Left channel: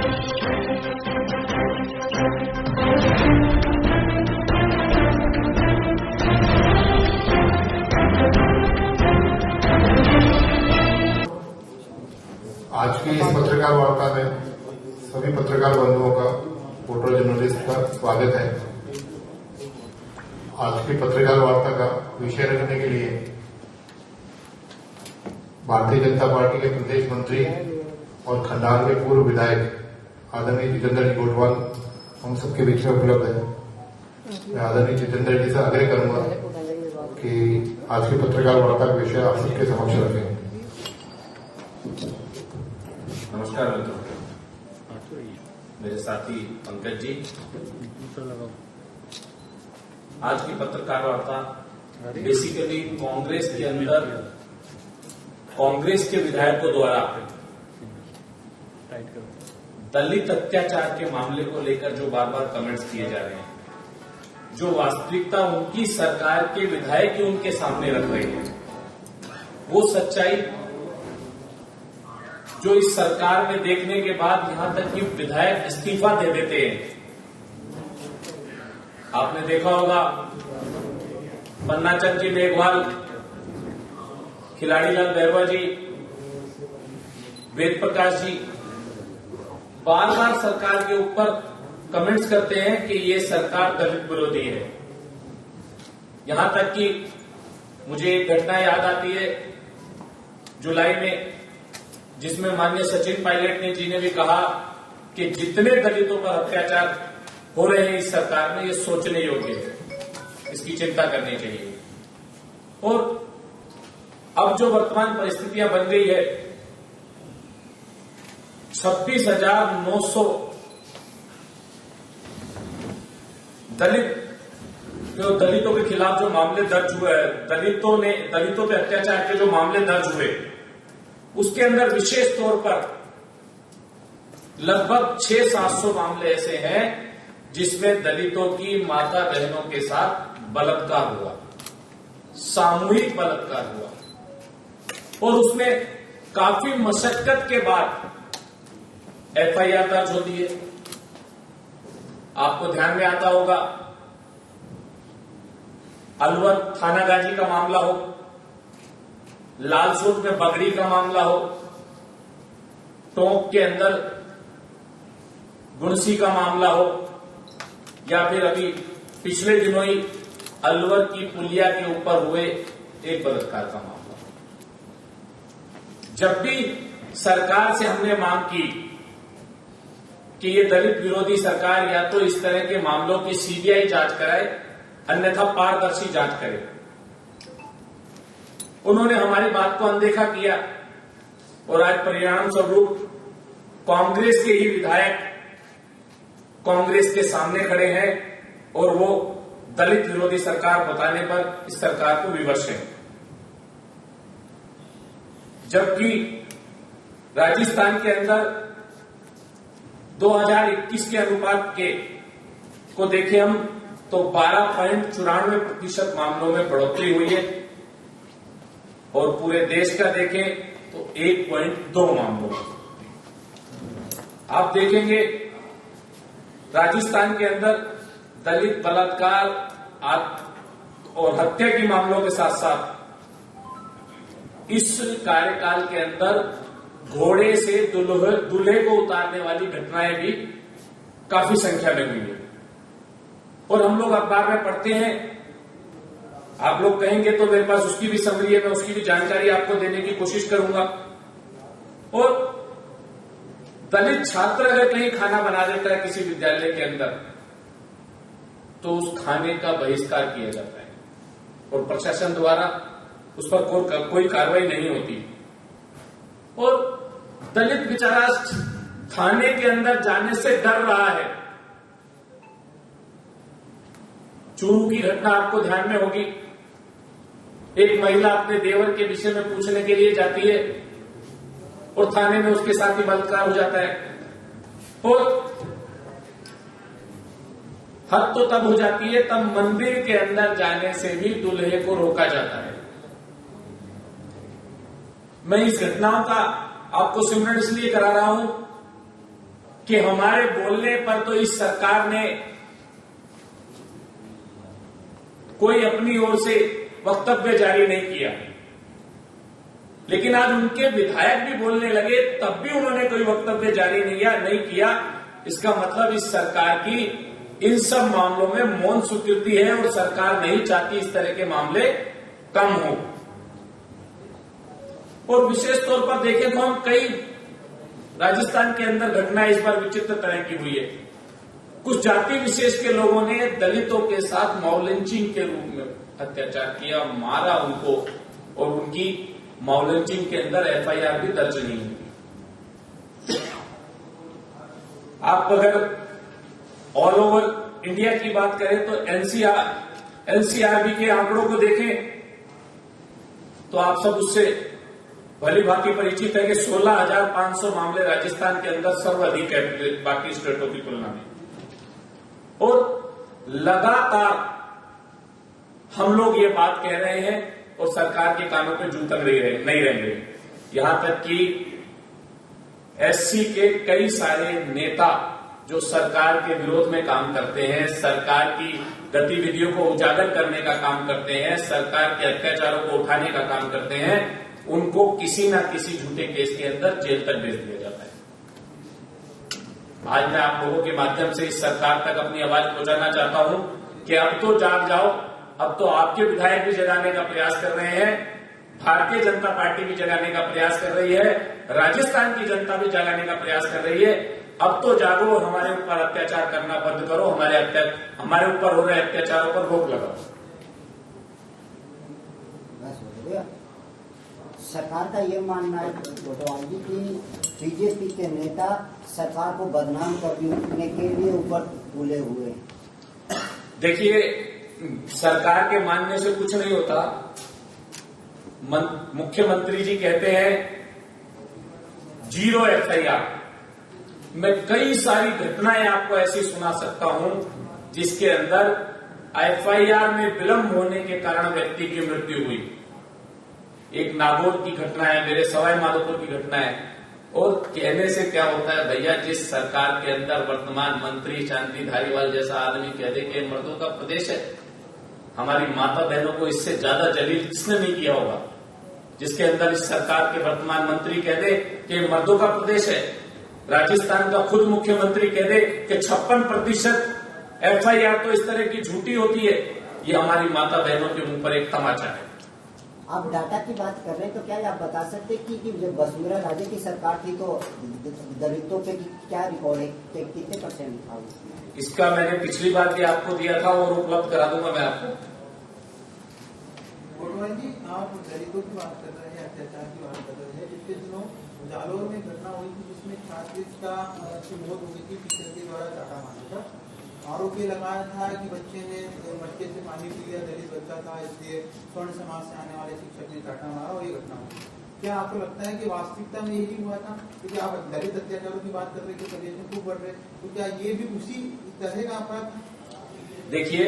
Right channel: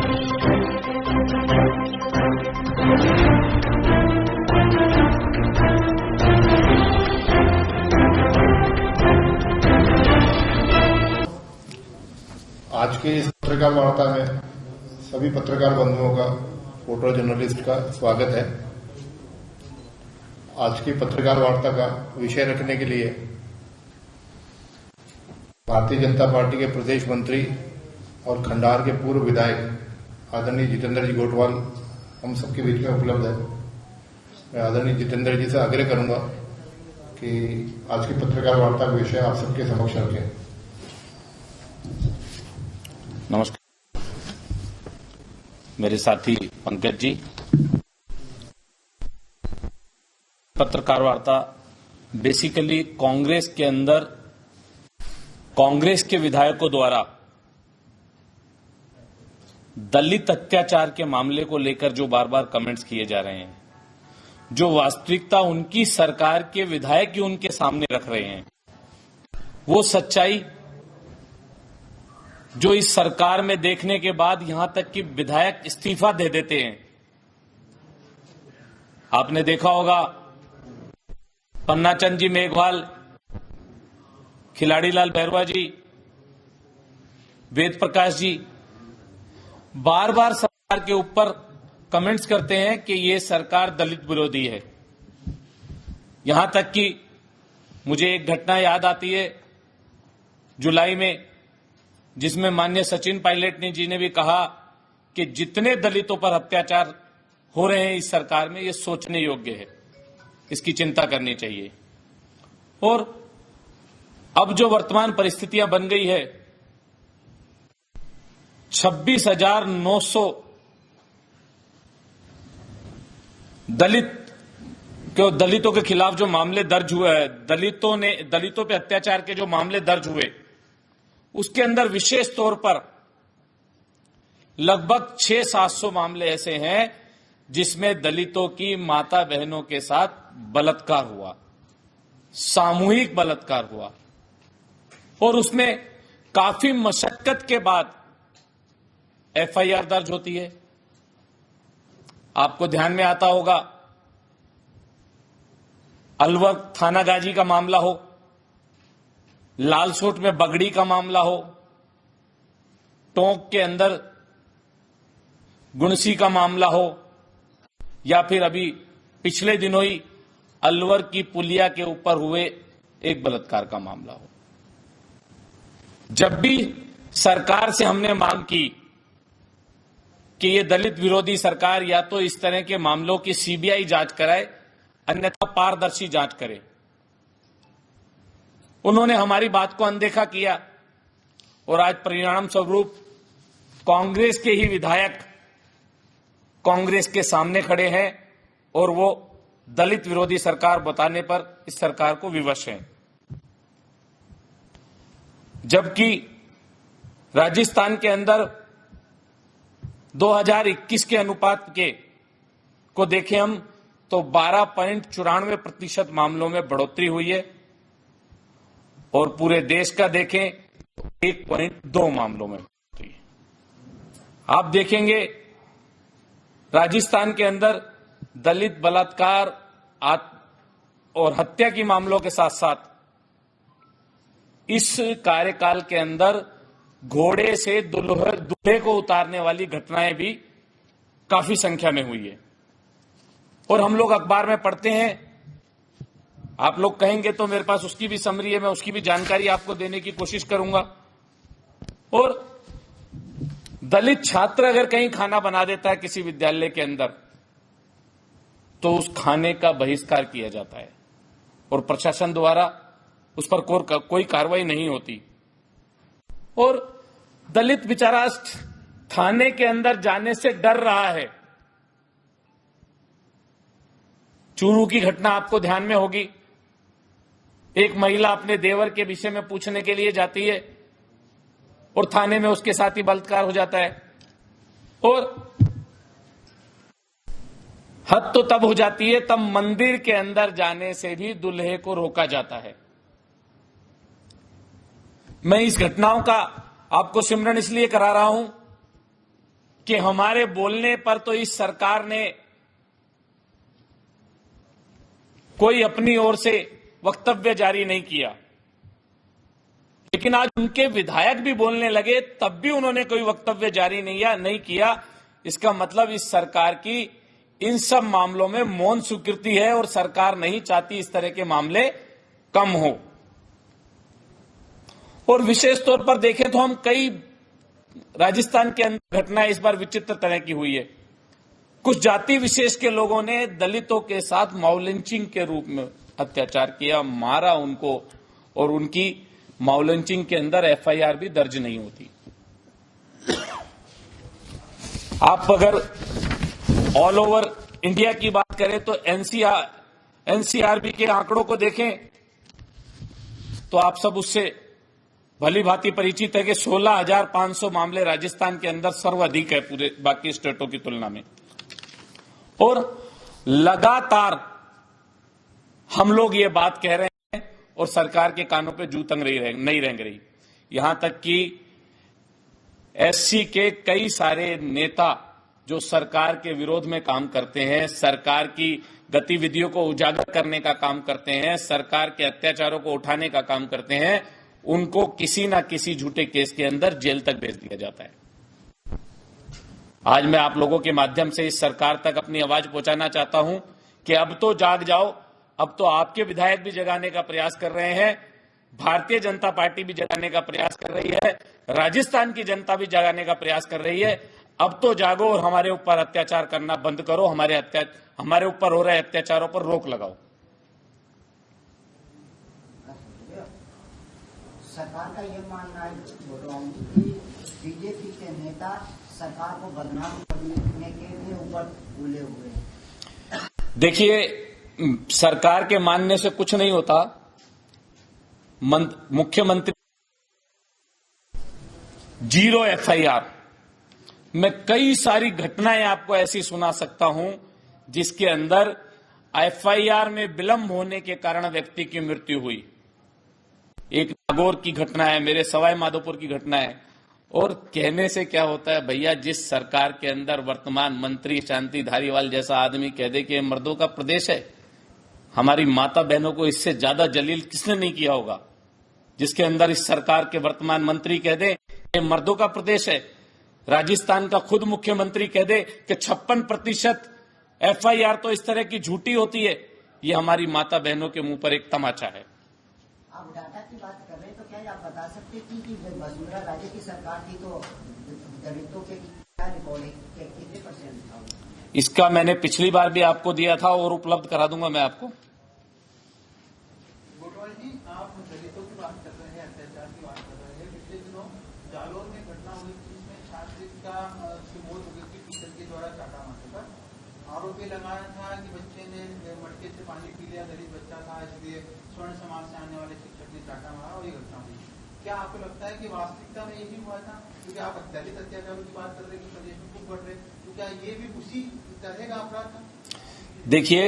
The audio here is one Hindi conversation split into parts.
आज की इस पत्रकार वार्ता में सभी पत्रकार बंधुओं का, फोटो जर्नलिस्ट का स्वागत है। आज की पत्रकार वार्ता का विषय रखने के लिए भारतीय जनता पार्टी के प्रदेश मंत्री और खंडार के पूर्व विधायक आदरणीय जितेंद्र जी गोटवाल हम सबके बीच में उपलब्ध है। मैं आदरणीय जितेंद्र जी से आग्रह करूंगा कि आज की पत्रकार वार्ता का विषय आप सबके समक्ष रखें। नमस्कार मेरे साथी पंकज जी। आज की पत्रकार वार्ता बेसिकली कांग्रेस के अंदर कांग्रेस के विधायकों द्वारा दलित अत्याचार के मामले को लेकर जो बार बार कमेंट्स किए जा रहे हैं, जो वास्तविकता उनकी सरकार के विधायक ही उनके सामने रख रहे हैं, वो सच्चाई जो इस सरकार में देखने के बाद यहां तक कि विधायक इस्तीफा दे देते हैं। आपने देखा होगा पन्ना चंद जी मेघवाल, खिलाड़ी लाल बैरवा जी, वेद प्रकाश जी बार बार सरकार के ऊपर कमेंट्स करते हैं कि ये सरकार दलित विरोधी है। यहां तक कि मुझे एक घटना याद आती है जुलाई में, जिसमें माननीय सचिन पायलट जी ने भी कहा कि जितने दलितों पर अत्याचार हो रहे हैं इस सरकार में, ये सोचने योग्य है, इसकी चिंता करनी चाहिए। और अब जो वर्तमान परिस्थितियां बन गई है, 26,900 दलितों के खिलाफ जो मामले दर्ज हुए हैं, दलितों पे अत्याचार के जो मामले दर्ज हुए, उसके अंदर विशेष तौर पर लगभग 600-700 मामले ऐसे हैं जिसमें दलितों की माता बहनों के साथ बलात्कार हुआ, सामूहिक बलात्कार हुआ, और उसमें काफी मशक्कत के बाद एफआईआर दर्ज होती है। आपको ध्यान में आता होगा अलवर थाना गाजी का मामला हो, लालसोट में बगड़ी का मामला हो, टोंक के अंदर गुणसी का मामला हो, या फिर अभी पिछले दिनों ही अलवर की पुलिया के ऊपर हुए एक बलात्कार का मामला हो। जब भी सरकार से हमने मांग की कि ये दलित विरोधी सरकार या तो इस तरह के मामलों की सीबीआई जांच कराए, अन्यथा पारदर्शी जांच करे, उन्होंने हमारी बात को अनदेखा किया। और आज परिणाम स्वरूप कांग्रेस के ही विधायक कांग्रेस के सामने खड़े हैं और वो दलित विरोधी सरकार बताने पर इस सरकार को विवश हैं। जबकि राजस्थान के अंदर 2021 के अनुपात को देखें हम तो 12.94% मामलों में बढ़ोतरी हुई है, और पूरे देश का देखें तो 1.2 मामलों में। आप देखेंगे राजस्थान के अंदर दलित बलात्कार और हत्या की मामलों के साथ साथ इस कार्यकाल के अंदर घोड़े से दूल्हे को उतारने वाली घटनाएं भी काफी संख्या में हुई है। और हम लोग अखबार में पढ़ते हैं, आप लोग कहेंगे तो मेरे पास उसकी भी समरी है, मैं उसकी भी जानकारी आपको देने की कोशिश करूंगा। और दलित छात्र अगर कहीं खाना बना देता है किसी विद्यालय के अंदर, तो उस खाने का बहिष्कार किया जाता है और प्रशासन द्वारा उस पर कोई कार्रवाई नहीं होती। और दलित बेचारा थाने के अंदर जाने से डर रहा है। चूरू की घटना आपको ध्यान में होगी, एक महिला अपने देवर के विषय में पूछने के लिए जाती है और थाने में उसके साथ ही बलात्कार हो जाता है। और हद तो तब हो जाती है तब मंदिर के अंदर जाने से भी दूल्हे को रोका जाता है। मैं इस घटनाओं का आपको स्मरण इसलिए करा रहा हूं कि हमारे बोलने पर तो इस सरकार ने कोई अपनी ओर से वक्तव्य जारी नहीं किया, लेकिन आज उनके विधायक भी बोलने लगे तब भी उन्होंने कोई वक्तव्य जारी नहीं किया। इसका मतलब इस सरकार की इन सब मामलों में मौन स्वीकृति है और सरकार नहीं चाहती इस तरह के मामले कम हो। और विशेष तौर पर देखें तो हम कई राजस्थान के अंदर घटनाएं इस बार विचित्र तरह की हुई है। कुछ जाति विशेष के लोगों ने दलितों के साथ माओ लिंचिंग के रूप में अत्याचार किया, मारा उनको, और उनकी माओ लिंचिंग के अंदर एफआईआर भी दर्ज नहीं होती। आप अगर ऑल ओवर इंडिया की बात करें तो एनसीआरबी के आंकड़ों को देखें तो आप सब उससे भली भांति परिचित है कि 16,500 मामले राजस्थान के अंदर सर्वाधिक है पूरे बाकी स्टेटों की तुलना में। और लगातार हम लोग ये बात कह रहे हैं और सरकार के कानों पे जू तंग नहीं रह रही। यहां तक कि एससी के कई सारे नेता जो सरकार के विरोध में काम करते हैं, सरकार की गतिविधियों को उजागर करने का काम करते हैं, सरकार के अत्याचारों को उठाने का काम करते हैं, उनको किसी न किसी झूठे केस के अंदर जेल तक भेज दिया जाता है। आज मैं आप लोगों के माध्यम से इस सरकार तक अपनी आवाज पहुंचाना चाहता हूं कि अब तो जाग जाओ। अब तो आपके विधायक भी जगाने का प्रयास कर रहे हैं, भारतीय जनता पार्टी भी जगाने का प्रयास कर रही है, राजस्थान की जनता भी जगाने का प्रयास कर रही है। अब तो जागो और हमारे ऊपर अत्याचार करना बंद करो, हमारे ऊपर हो रहे अत्याचारों पर रोक लगाओ। सरकार का ये मानना है कि बीजेपी के नेता सरकार को बदनाम करने के लिए ऊपर तुले हुए। देखिए, सरकार के मानने से कुछ नहीं होता। मुख्यमंत्री जी कहते हैं 0 एफआईआर। मैं कई सारी घटनाएं आपको ऐसी सुना सकता हूं जिसके अंदर एफआईआर में विलंब होने के कारण व्यक्ति की मृत्यु हुई। एक नागौर की घटना है, मेरे सवाई माधोपुर की घटना है। और कहने से क्या होता है भैया, जिस सरकार के अंदर वर्तमान मंत्री शांति धारीवाल जैसा आदमी कह दे कि मर्दों का प्रदेश है, हमारी माता बहनों को इससे ज्यादा जलील किसने नहीं किया होगा। जिसके अंदर इस सरकार के वर्तमान मंत्री कह दे कि मर्दों का प्रदेश है, राजस्थान का खुद मुख्यमंत्री कह दे कि 56% एफआईआर तो इस तरह की झूठी होती है, ये हमारी माता बहनों के मुंह पर एक तमाचा है। आप डाटा की बात कर रहे हैं तो क्या आप बता सकते हैं कि जब वसुंधरा राजे की सरकार थी तो दलितों पे क्या रिकॉर्ड है, कितने % था? इसका मैंने पिछली बार भी आपको दिया था और उपलब्ध करा दूंगा मैं आपको। आप दलितों की बात कर रहे हैं, अत्याचार की बात कर रहे हैं। पिछले दिनों जालोर में घटना हुई थी जिसमें छात्र की मौत हो गई थी, टीचर के द्वारा चाटा मारा था। आरोप ये लगाया था कि बच्चे ने मटके से पानी पी लिया, दलित बच्चा था, इसलिए स्वर्ण समाज से आने वाले शिक्षक ने चाटा मारा और ये घटना हुई। क्या आपको लगता है कि वास्तविकता में यही हुआ था? क्योंकि आप दलित अत्याचारों की बात कर रहे थे, प्रदेश में खूब बढ़ रहे, तो क्या ये भी उसी तरह का अपराध? देखिए,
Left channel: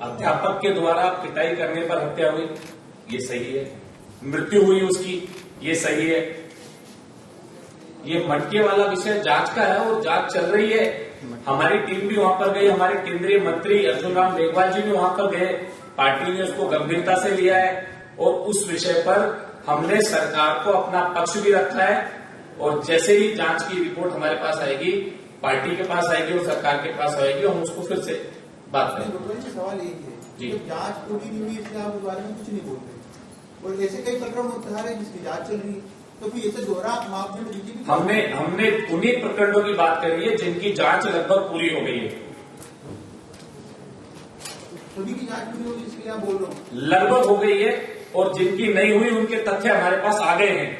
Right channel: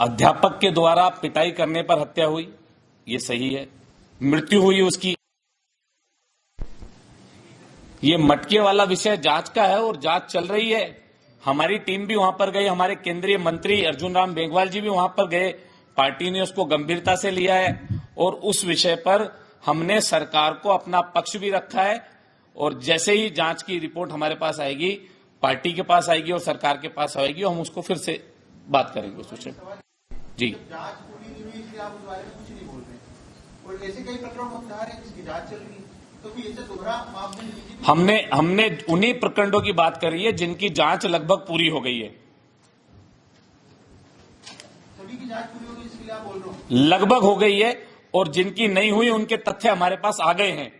अध्यापक के द्वारा पिटाई करने पर हत्या हुई, ये सही है। मृत्यु हुई उसकी, ये सही है। ये मटके वाला विषय जांच का है और जांच चल रही है। हमारी टीम भी वहां पर गई, हमारे केंद्रीय मंत्री अर्जुन राम मेघवाल जी भी वहां पर गए। पार्टी ने उसको गंभीरता से लिया है और उस विषय पर हमने सरकार को अपना पक्ष भी रखा है। और जैसे ही जांच की रिपोर्ट हमारे पास आएगी, पार्टी के पास आएगी और सरकार के पास आएगी, हम उसको फिर से बात करेंगे। सवाल यही है जी, जांच पूरी नहीं हुई इसलिए आप उस बारे में कुछ नहीं बोल रहे, और ऐसे कई प्रकरण होते हैं जिसकी जांच चल रही है, तो फिर ऐसे दोहरा मापदंड हमने उन्हीं प्रकरणों की बात करी है जिनकी जांच लगभग पूरी हो गई है। सभी की जांच पूरी होगी इसके लिए आप बोल रहे हो? लगभग हो गई है और जिनकी नहीं हुई उनके तथ्य हमारे पास आ गए हैं,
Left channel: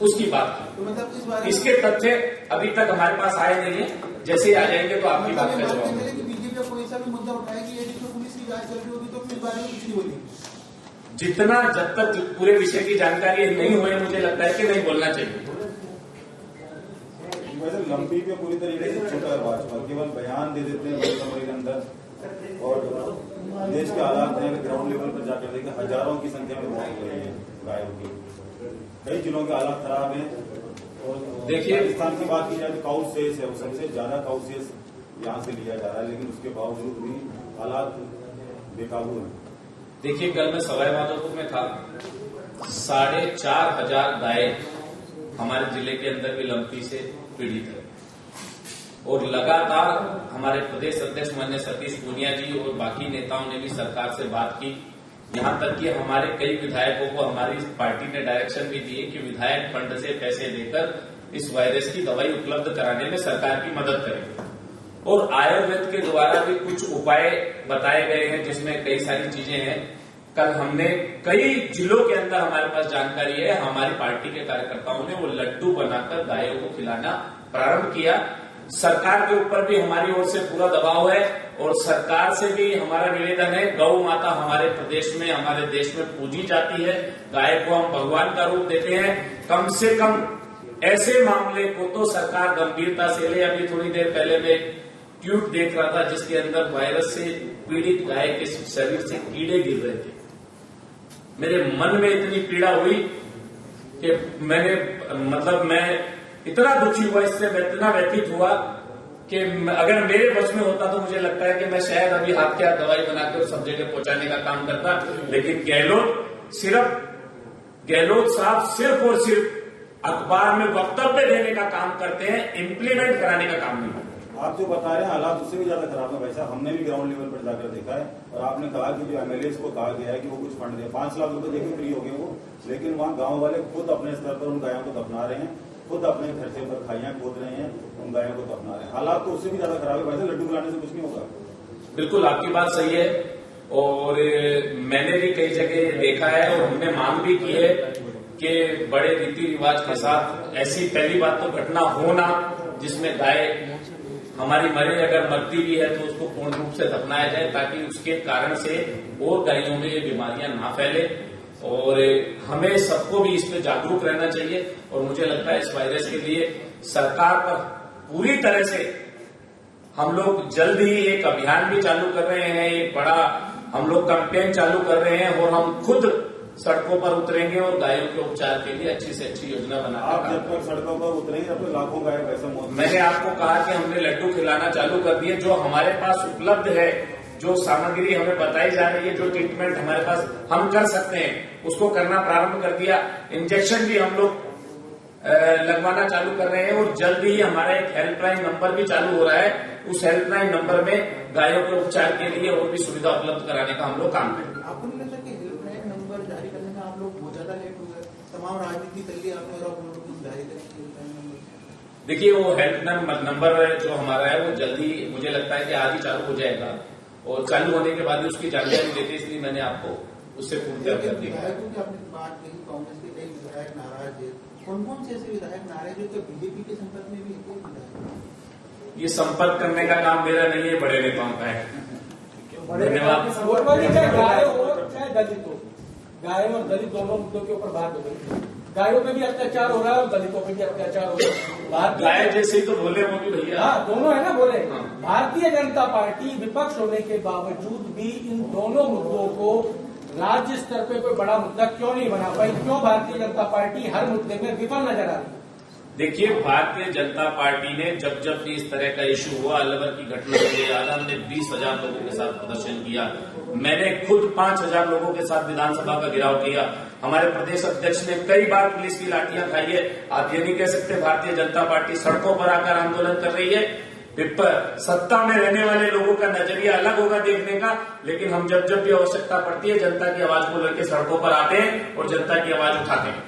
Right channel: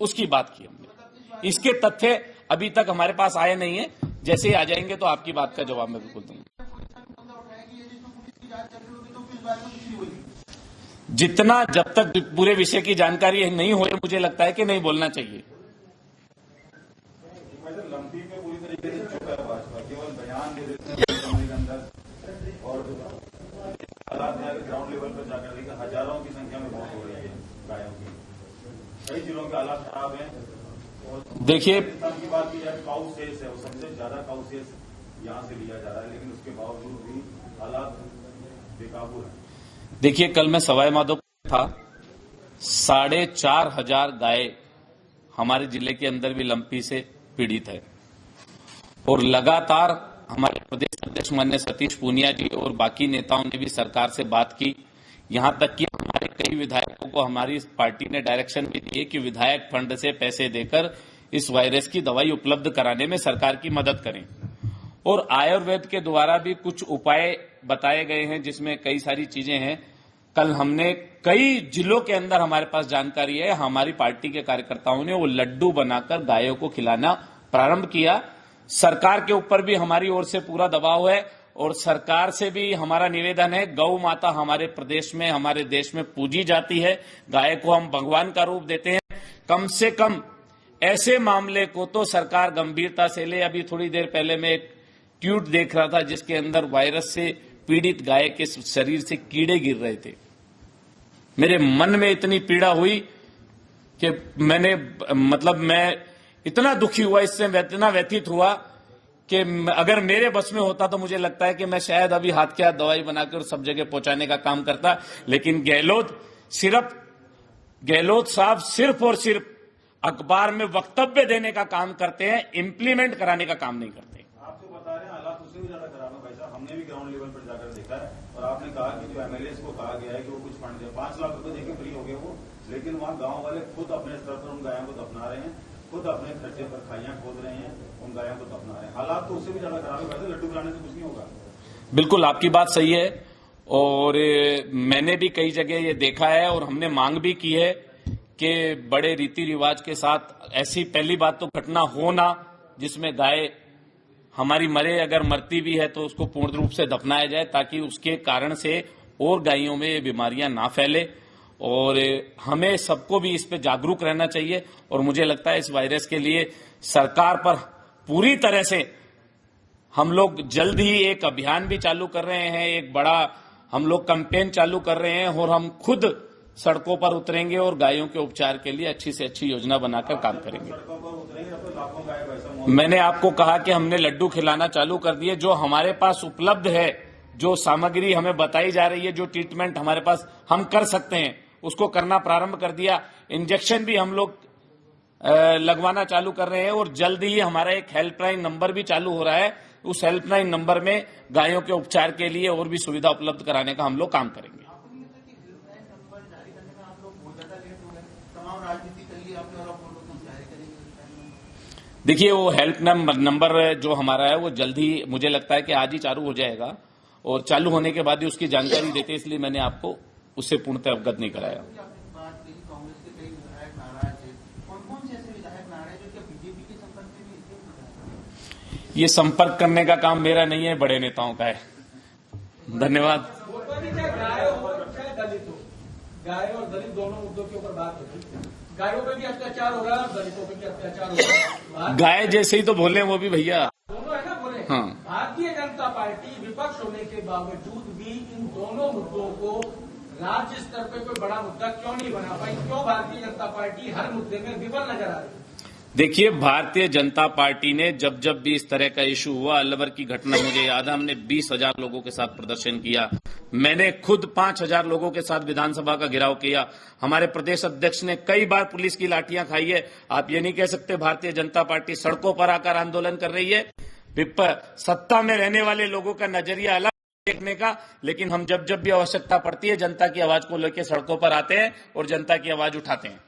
उसकी बात की। तो मतलब इस बारे इसके तथ्य अभी तक हमारे पास आए नहीं है, जैसे ही आ जाएंगे तो आपकी बात का जवाब देंगे। बीजेपी कोई ऐसा भी मुद्दा उठाएगी यदि तो पुलिस की जांच चल रही होगी तो फिर बारे में कुछ नहीं बोलेगी। जितना जब तक पूरे विषय की जानकारी नहीं हो रही, मुझे लगता है कि नहीं बोलना चाहिए। वैसे लंबी पे पूरी तरीके से चुका है भाजपा, केवल बयान दे देते हैं के अंदर, और देश के हालात हैं ग्राउंड लेवल पर जाकर देखिए हजारों की संख्या में मौत हो रही है गायों की। कई जिलों के हालात खराब हैं देखिए, राजस्थान की बात की जाए तो काउ सेस है, सबसे ज्यादा काउ सेस यहाँ से लिया जा रहा है, लेकिन उसके बावजूद भी हालात बेकाबू है। देखिए, कल मैं सवाई माधोपुर में था, 4,500 गाय हमारे जिले के अंदर भी लंपी से पीड़ित है और लगातार हमारे प्रदेश अध्यक्ष माननीय सतीश पूनिया जी और बाकी नेताओं ने भी सरकार से बात की। यहां तक कि हमारे कई विधायकों को हमारी पार्टी ने डायरेक्शन भी दिए कि विधायक फंड से पैसे देकर इस वायरस की दवाई उपलब्ध कराने में सरकार की मदद करेंगे। और आयुर्वेद के द्वारा भी कुछ उपाय बताए गए हैं जिसमें कई सारी चीजें हैं। कल हमने कई जिलों के अंदर हमारे पास जानकारी है, हमारी पार्टी के कार्यकर्ताओं ने वो लड्डू बनाकर गायों को खिलाना प्रारंभ किया। सरकार के ऊपर भी हमारी ओर से पूरा दबाव है और सरकार से भी हमारा निवेदन है, गौ माता हमारे प्रदेश में, हमारे देश में पूजी जाती है, गाय को हम भगवान का रूप देते हैं। कम से कम ऐसे मामले को तो सरकार गंभीरता से ले। अभी थोड़ी देर पहले मैं एक ट्वीट देख रहा था जिसके अंदर वायरस से पीड़ित गाय के शरीर से कीड़े गिर रहे थे। मेरे मन में इतनी पीड़ा हुई कि मैं इतना दुखी हुआ, इससे इतना व्यथित हुआ कि अगर मेरे बस में होता तो मुझे लगता है कि मैं शायद अभी हाथ के हाथ दवाई बनाकर सब जगह पहुंचाने का काम करता। लेकिन गहलोत साहब सिर्फ और सिर्फ अखबार में वक्तव्य देने का काम करते हैं, इंप्लीमेंट कराने का काम नहीं करते। आप जो बता रहे हैं हालात उससे भी ज्यादा खराब है भाई साहब। हमने भी ग्राउंड लेवल पर जाकर देखा है और आपने कहा कि जो एमएलए को कहा गया है कि वो कुछ फंड दे, 5 लाख रुपए देखिए फ्री हो गए वो, लेकिन वहाँ गांव वाले खुद अपने स्तर पर उन गायों को दफना रहे हैं, खुद अपने खर्चे पर खाइयां खोद रहे हैं, उन गायों को दफना रहे हैं। हालात तो उससे भी ज्यादा खराब है भाई साहब, लड्डू बनाने से कुछ नहीं होगा। बिल्कुल आपकी बात सही है और मैंने भी कई जगह देखा है और हमने मांग भी की है कि बड़े रीति रिवाज के साथ ऐसी पहली बात तो घटना हो ना जिसमें गाय हमारी मरे, अगर मरती भी है तो उसको पूर्ण रूप से दफनाया जाए ताकि उसके कारण से और गायों में ये बीमारियां ना फैले। और हमें सबको भी इस पे जागरूक रहना चाहिए और मुझे लगता है इस वायरस के लिए सरकार पर पूरी तरह से हम लोग जल्द ही एक अभियान भी चालू कर रहे हैं, एक बड़ा हम लोग कैंपेन चालू कर रहे हैं और हम खुद सड़कों पर उतरेंगे और गायों के उपचार के लिए अच्छी से अच्छी योजना बनाकर काम करेंगे। सड़कों पर उतरेंगे तो लाखों गाय वैसे। मैंने आपको कहा कि हमने लड्डू खिलाना चालू कर दिए, जो हमारे पास उपलब्ध है, जो सामग्री हमें बताई जा रही है, जो ट्रीटमेंट हमारे पास हम कर सकते हैं उसको करना प्रारंभ कर दिया। इंजेक्शन भी हम लोग लगवाना चालू कर रहे हैं और जल्द ही हमारा एक हेल्पलाइन नंबर भी चालू हो रहा है। उस हेल्पलाइन नंबर में गायों के उपचार के लिए और भी सुविधा उपलब्ध कराने का हम लोग काम करेंगे। आपको नहीं लगता कि हेल्पलाइन नंबर जारी करने में आप लोग बहुत ज्यादा लेट हो गए? तमाम राजनीति कर ली आपने और आप लोग जारी करेंगे? देखिए, वो हेल्प नंबर जो हमारा है वो जल्द ही, मुझे लगता है कि आज ही चालू हो जाएगा और चालू होने के बाद ही उसकी जानकारी देते, इसलिए मैंने आपको उससे पूर्णतः अवगत नहीं कराया। कांग्रेस के कई विधायक नाराज है, कौन से ऐसे विधायक नाराज है जो बीजेपी के संपर्क में भी है? ये संपर्क करने का काम मेरा नहीं है, बड़े नेताओं का है। धन्यवाद। गाय और दलित दोनों मुद्दों के ऊपर बात हो रही है। गायों पे भी अत्याचार हो रहा है और दलितों पे भी अत्याचार हो रहा है। गाय जैसे ही तो बोले वो भी भैया, दोनों है ना बोले। हाँ। भारतीय जनता पार्टी विपक्ष होने के बावजूद भी इन दोनों मुद्दों को राज्य स्तर पे कोई बड़ा मुद्दा क्यों नहीं बना पाई? क्यों भारतीय जनता पार्टी हर मुद्दे में विफल नजर आ रही? देखिए, भारतीय जनता पार्टी ने जब भी इस तरह का इशू हुआ, अलवर की घटना मुझे याद है, हमने 20,000 लोगों के साथ प्रदर्शन किया। मैंने खुद 5,000 लोगों के साथ विधानसभा का घेराव किया। हमारे प्रदेश अध्यक्ष ने कई बार पुलिस की लाठियां खाई है। आप ये नहीं कह सकते भारतीय जनता पार्टी सड़कों पर आकर आंदोलन कर रही है। सत्ता में रहने वाले लोगों का नजरिया अलग होगा देखने का, लेकिन हम जब भी आवश्यकता पड़ती है जनता की आवाज को लेकर सड़कों पर आते हैं और जनता की आवाज उठाते हैं।